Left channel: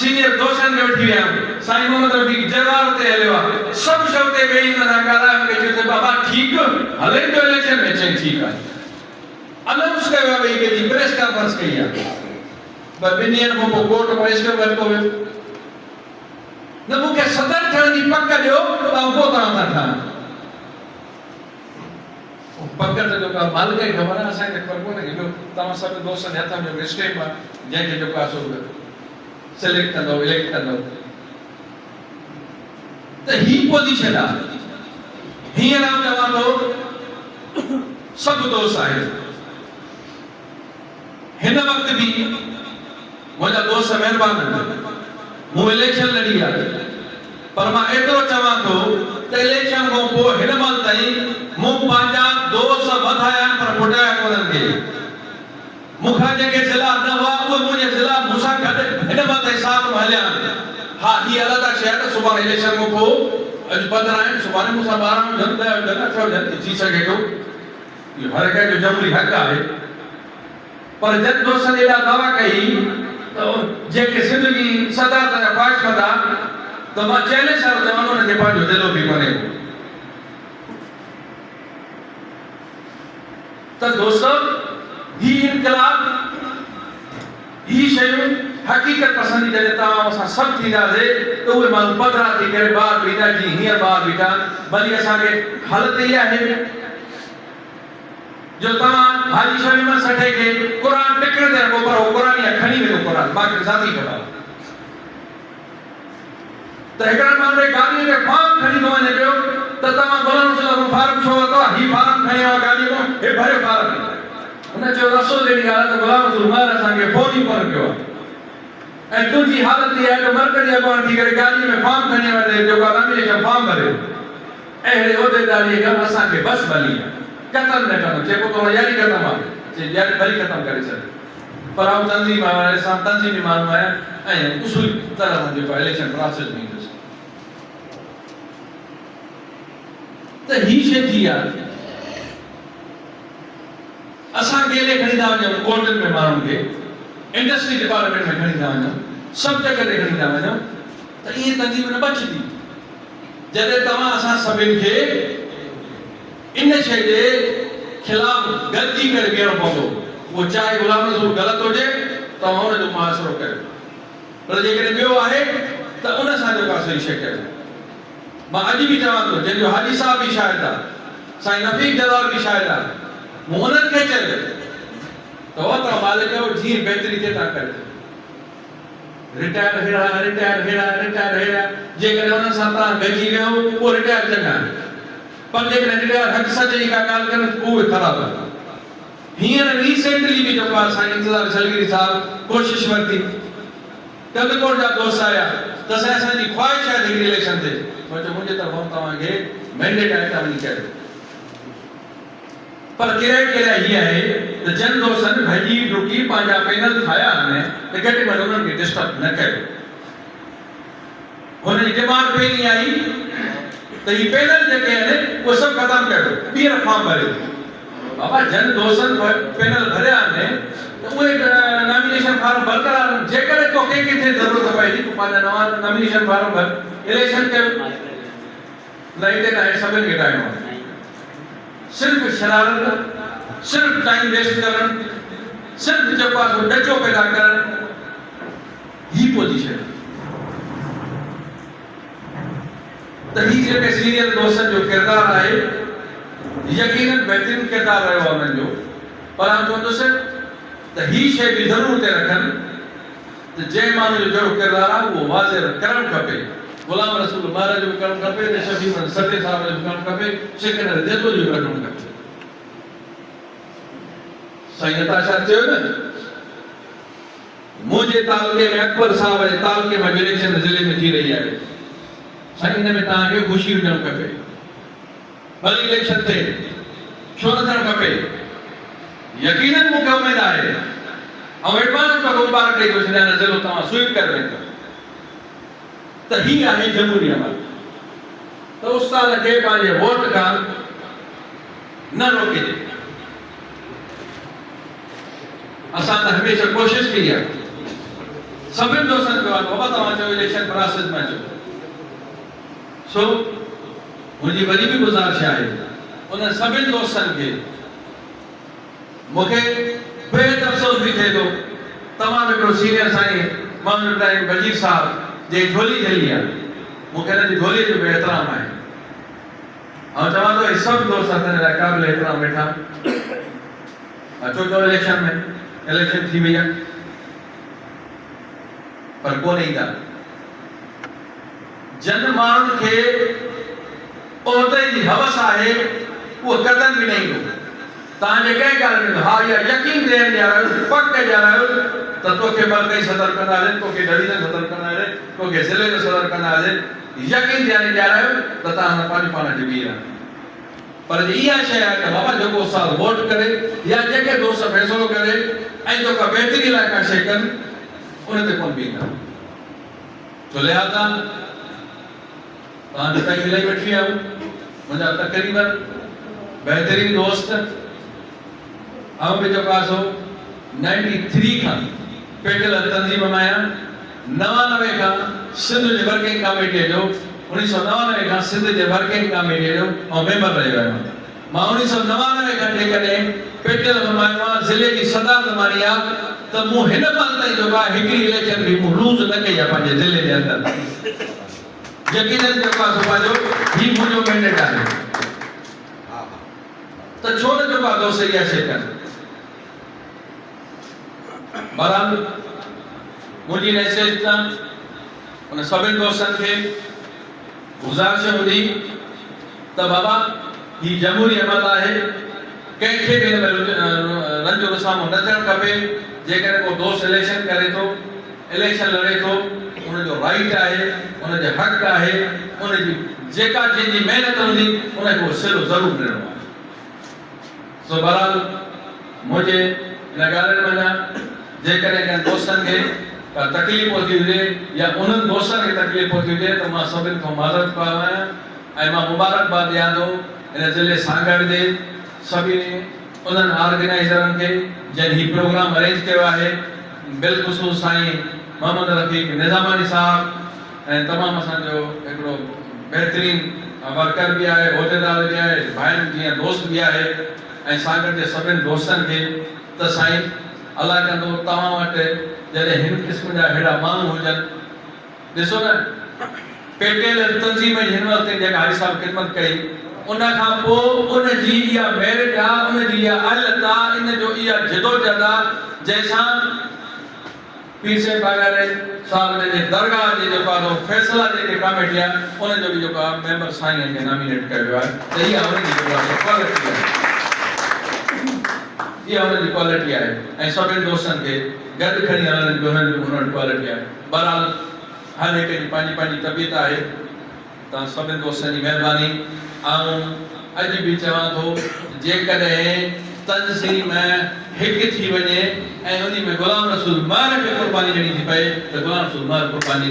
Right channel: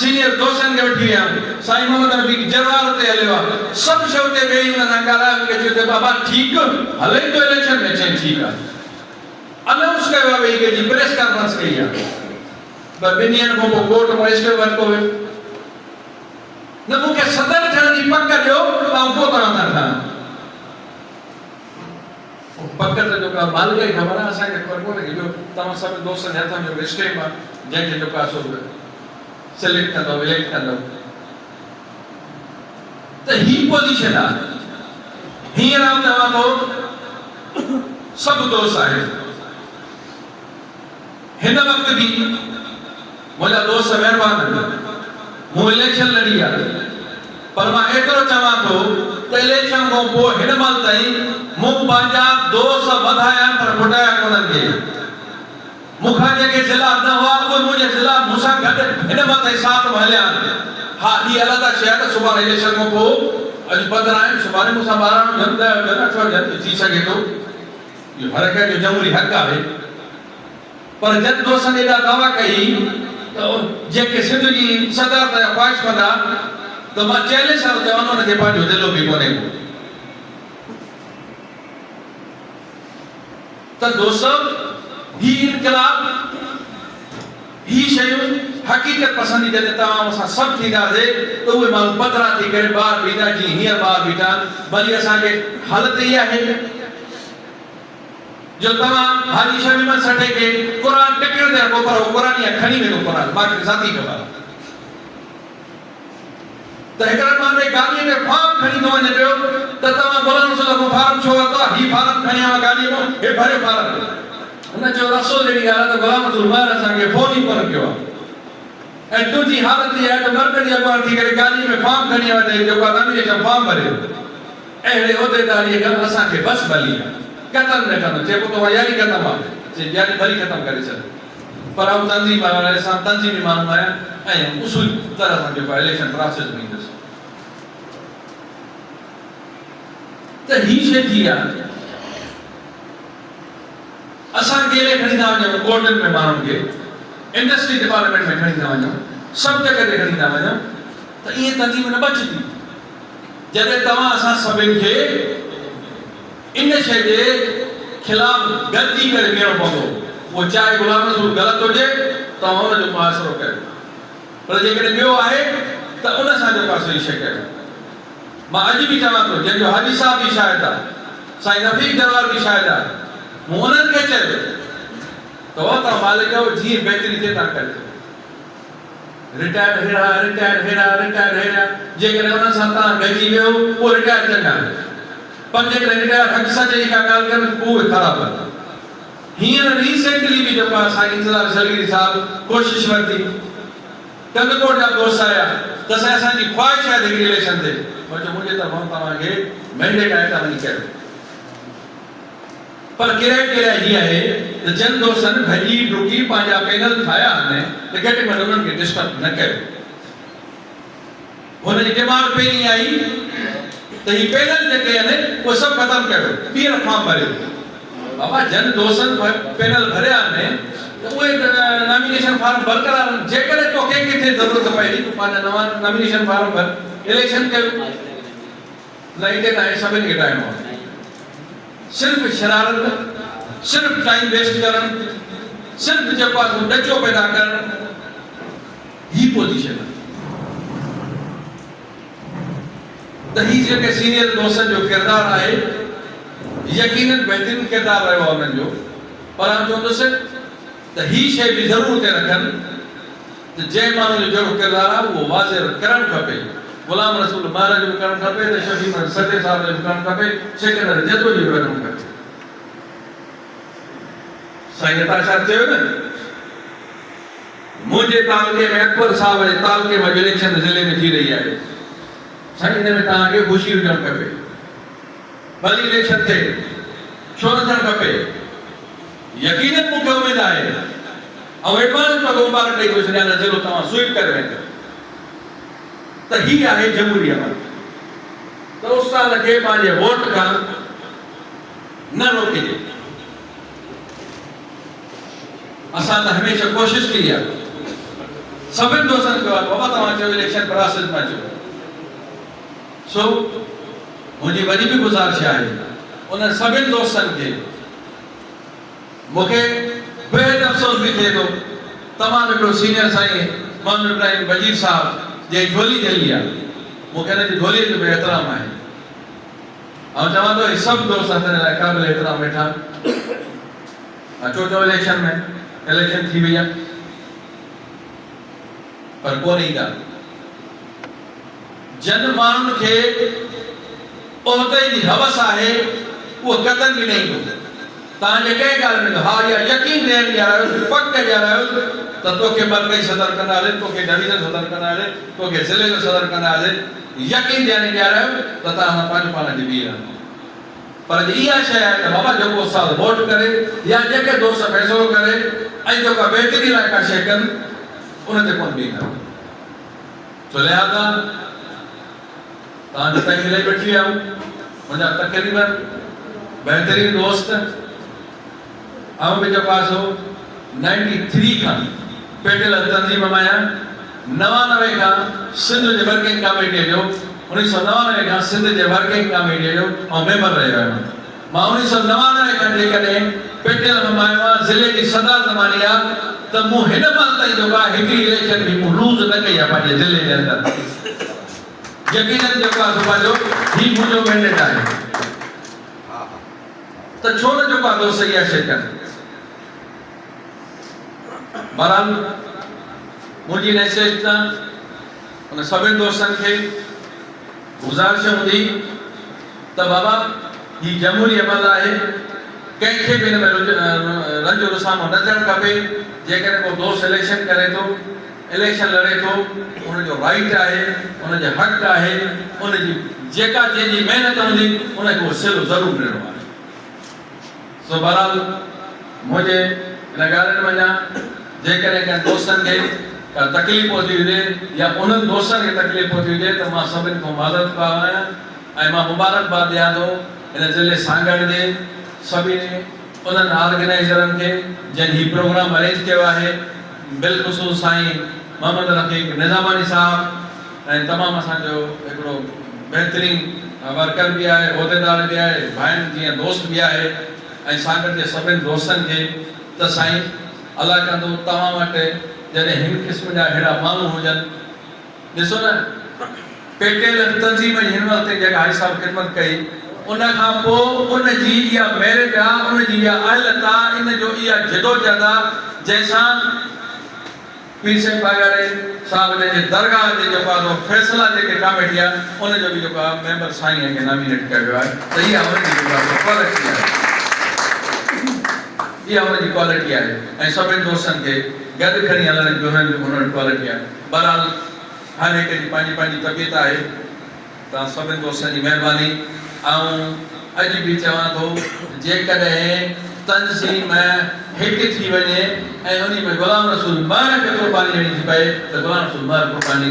सीनियर दोस्तन के वठी विया साईं मोहम्मद रफी जरवार ते हलियो सब शौते गई उन सां ॻाल्हाए मूंखे चयो बाबा ठीकु हले तो इलेक्शन में चई ठीकु आहे अनाउंस कयो आहे भई जी प्रेस कॉन्फ्रेंस कई आहे पर ॿिनि ॾींहंनि खां पोइ कोर्ट में स्टे वरितो वियो न मूंखे सदर थियण जी पक ॾियो ऐं पोइ तव्हां था ठहनि पक त जेका मालिक खे ख़बर आहे असांखे ख़बर कोन्हे कि तव्हां सभु दोस्तनि जे हथ में स्टेप आहे जंहिंखे जेको आहे सो सिलेक्ट कंदो इलेक्ट कंदो त ही पोजीशन आहे हींअर आउं चवां थो सभु दोस्त आहिनि हिन वक़्त बि मुंहिंजा दोस्त महिरबान आहिनि मूं इलेक्शन लड़ी आहे पर मां एतिरो चवां थो त इलेक्शन खां पोइ हिन महिल ताईं मूं पंहिंजा दोस्त वधाया पर फुटाया कोन्हनि खे मूंखां जेके ज़िला न हुआ उहे मुंहिंजे ज़िला मूंसां गॾु हिन महिल ताईं साथ में हलिया आहिनि हा हीअ अलॻि शइ आहे त सुभाणे इलेक्शन खां पोइ अॼु 15 आहिनि सुभाणे मूंसां 12 हुजनि 10 हुजनि 8 हुजनि थी सघे थो इहो हर कंहिं जो जमहूरी हक़ आहे पर जन दोस्तनि एॾा दावा कई त जेके सिंध जी सदर ते ख्वाहिश कंदा तो मां 40 साल जवानों ने देखा जो दिलों भी बने तो दोस्तों ही इनकलाब ही शयूं हकीकत पसंदी जॾहिं तव्हां असां सभु थींदासीं त उहे माण्हू पधरा थी करे ॿार बीठा जी हींअर ॿार बीठा भली असांखे हालत इहा आहे जो तव्हां हाजी शमीम सठे खे क़ुर टिकण ते रखो पर क़ुर या खणी वेंदो क़ुर बाक़ी ज़ाती ख़बर त हिकिड़े माण्हू गाॾीअ में फॉर्म खणी थो वञे पियो त तव्हां गुलाम रसूल खां फॉर्म छो वरितो ही फॉर्म खणी आयो गाॾीअ में हे भरियो फॉर्म हुन चयो रसो जहिड़ी ॻाल्हि आहे त गुलाम रसूल मार असांखे फोन ई कोन कयो आहे ऐं तुंहिंजी हालत इहा आहे त मर्कज़ी अॻुवान थी करे गाॾीअ में फॉर्म खणी वञे जेको नॉमिनेशन फॉर्म भरे अहिड़े उहिदेदारीअ खां असांखे बस भली आहे ख़तम न कंदो चइबो त यारी ख़तम आहे यारी भली ख़तम करे छॾ पर आउं तंज़ीम वारे सां तंज़ीमी माण्हू आहियां ऐं उसूल तरह सां जेको इलेक्शन प्रोसेस में ईंदुसि त ही शइ थी आहे असां गेले खणी था वञूं कोर्टनि में माण्हुनि खे इंडस्ट्री डिपार्टमेंट में खणी था वञूं सभु जॻह ते खणी था वञूं त ईअं तंज़ीम न बचंदी जॾहिं तव्हां असां सभिनि खे इन शइ जे खिलाफ़ गॾिजी करे बीहणो पवंदो वो चाहे गुलाम रसूल ग़लति हुजे त हुनजो मुआसिरो कयो पर जेकॾहिं ॿियो आहे त उन सां जेको आहे सही शइ कयो मां अॼु बि चवां थो जंहिंजो हाजी साहब बि शायदि आहे साईं रफ़ीक जरवार बि शायदि आहे मूं उन्हनि खे चयो त तव्हां मालिक जीअं बहितरी थिए तव्हां करे रिटायर हेड़ा जेकॾहिं उन सां तव्हां गॾिजी वियो पोइ रिटायर चङा पर जेकॾहिं रिटायर हक़ सच जी का ॻाल्हि कनि उहे ख़राबु आहे हींअर रिसेंटली भी जेको आहे साईं इंतज़ार शलगिरी साहब कोशिश वरिती कंदकोट जा दोस्त आया त असांजी ख्वाहिश आहे हिकिड़ी इलेक्शन ते मां चयो मुंहिंजे तरफ़ां तव्हांखे मैंडेट आहे तव्हां वञी कयो पर क्राइटेरिया हीअ आहे त जन दोस्तनि भॼी डुकी पंहिंजा पैनल ठाहिया आहिनि त घटि में घटि उन्हनि खे डिस्टर्ब न कयो हुनजी डिमांड पहिरीं आई त ही पैनल जेके आहिनि उहे सभु ख़तमु कयो ॿीहर फॉर्म भरियो बाबा जन दोस्तनि पैनल भरिया आहिनि त उहे नॉमिनेशन फॉर्म बरक़रार जेकॾहिं तोखे किथे ज़रूरत पए थी तूं पंहिंजा नवां नॉमिनेशन फॉर्म भर इलेक्शन कयो न हिते तव्हां सभिनि खे ठाहिणो आहे सिर्फ़ शरारत सिर्फ़ टाइम वेस्ट करणु सिर्फ़ जेको आहे डचो पैदा करणु ही पोजीशन आहे त ही जेके सीनियर दोस्तनि जो किरदारु आहे यकीनन बहितरीन किरदारु रहियो आहे उन्हनि जो पर आउं चवंदुसि त ही शइ बि ज़रूरु हुते रखनि त जंहिं माण्हू जो जहिड़ो किरदारु आहे उहो वाज़े करणु खपे गुलाम रसूल महाराज जो बि करणु खपे त शफी सटे साहब जो बि करणु खपे सेकेंडर जेतिरो जो बि करणु खपे साईं नताशा चयो न मुंहिंजे तालुके में अकबर साहब जे तालुके में इलेक्शन ज़िले में थी रही आहे साईं हिन में तव्हांखे ख़ुशी हुजणु खपे भली इलेक्शन थिए छो न थियणु खपे यकीनन मूंखे उमेद आहे ऐं एडवांस में मुबारक ॾेई थो छॾियां त ज़िलो तव्हां स्वीप करे वेंदो त ही आहे जमहूरी अमल त उस्ताद खे पंहिंजे वोट खां न रोकिजे असां त हमेशह कोशिश कई आहे सभिनि दोस्तनि कयो आहे बाबा तव्हां चयो इलेक्शन प्रोसेस में अचो सो मुंहिंजी वॾी बि गुज़ारिश आहे उन सभिनि दोस्तनि खे मूंखे बेहद अफ़सोस बि थिए थो तमामु हिकिड़ो सीनियर साईं मोहम्मद इब्राहिम वजीर साहब जे झोली ठही आहे मूंखे हिन जी झोलीअ जो बि एतिराम आहे ऐं चवां थो हे सभु दोस्त असांजे लाइ क़ाबिल एतिराम वेठा अचो चओ इलेक्शन में इलेक्शन थी वई आहे पर कोन ईंदा जन माण्हुनि खे उहिदे जी हवस आहे उहो कतन बि न ईंदो तव्हांजे कंहिं ॻाल्हि में हा इहा यकीन ॾियण ॾियारो पक ॾियारायो त तोखे मरकज़ी सदर कंदासीं तोखे डिवीज़न सदर कंदासीं तोखे ज़िले जो सदर कंदासीं यकीन ॾियारायो त तव्हां पंहिंजो पाण डिॿी आहे पर इहा शइ आहे त बाबा जेको साल वोट करे या जेके दोस्त फ़ैसिलो करे ऐं जेका बहितरी लाइ का शइ कनि उन ते कोन बीहंदा छो लिहाज़ा तव्हां जितां मिली वेठी आहियो मुंहिंजा तक़रीबन बहितरीन दोस्त ऐं बि जेको आहे सो 93 खां पेटियल तंज़ीम में आहियां 99 खां सिंध जे वर्किंग कमेटीअ जो 1999 खां सिंध जे वर्किंग कमेटीअ जो ऐं मेंबर रहियो आहियां मां 1999 खां जेकॾहिं पेटियल में आहियां ज़िले जी सदार ज़मानी आहे त मूं हिन महिल ताईं जेको आहे हिकिड़ी इलेक्शन बि मूं लूज़ न कई आहे पंहिंजे ज़िले जे अंदरि यकीनन जेको आहे सो पंहिंजो ही मुंहिंजो मैंडेट आहे त छो न जेको आहे दोस्त इहा शइ कनि बहरहाल मुंहिंजी मैसेज त उन सभिनि दोस्तनि खे गुज़ारिश हूंदी त बाबा ही जमहूरी अमल आहे कंहिंखे बि हिन में रंज रुसामो न थियणु खपे जेकॾहिं को दोस्त इलेक्शन करे थो इलेक्शन लड़े थो उनजो राइट आहे उनजो हक़ आहे उनजी जेका जंहिंजी महिनत हूंदी उनखे उहो सिलो ज़रूरु ॾियणो आहे सो बहरहाल मुंहिंजे हिन ॻाल्हियुनि वञा जेकॾहिं कंहिं दोस्तनि खे का तकलीफ़ पहुती हुजे या उन्हनि दोस्तनि खे तकलीफ़ पहुती हुजे त मां सभिनि खां माज़रत पायो आहियां ऐं मां मुबारकबाद ॾियां थो हिन ज़िले सांगड़ जे सभिनी उन्हनि ऑर्गेनाइज़रनि खे जंहिं हीउ प्रोग्राम अरेंज कयो आहे बिलख़ुसूस साईं मोहम्मद रफ़ीक निज़ामानी साहब ऐं तमामु असांजो हिकिड़ो बहितरीन वर्कर बि आहे उहिदेदार बि आहे भाइनि जीअं दोस्त बि आहे ऐं सांगड़ जे सभिनि दोस्तनि खे त साईं अलाह कंदो तव्हां वटि जॾहिं हिन क़िस्म जा अहिड़ा माण्हू हुजनि ॾिसो न पेटियल तंज़ीम हिन वक़्तु जेका हाजी साहब ख़िदमत कई उन खां पोइ उनजी इहा मेरिट आहे उनजी इहा अहलियत आहे इन जो इहा जदोजहद आहे जंहिंसां पीर साहिब बागारे साहब जे दरगाह जे जेको आहे फ़ैसिला जेके कमेटी आहे उनजो बि जेको आहे मेंबर साईं खे नॉमिनेट कयो आहे त इहा उनजी क्वालिटी आहे इहा उनजी क्वालिटी आहे ऐं सभिनि दोस्तनि खे गॾु खणी हलण जी उन्हनि क्वालिटी आहे बहरहाल हर हिक जी पंहिंजी पंहिंजी तबियत आहे तव्हां सभिनि दोस्तनि जी महिरबानी ऐं अॼु बि चवां थो जेकॾहिं तंज़ीम हिकु थी वञे ऐं उन में गुलाम रसूल महर खे क़ुर्बानी ॾियणी थी पए त गुलाम रसूल महर क़ुर्बानी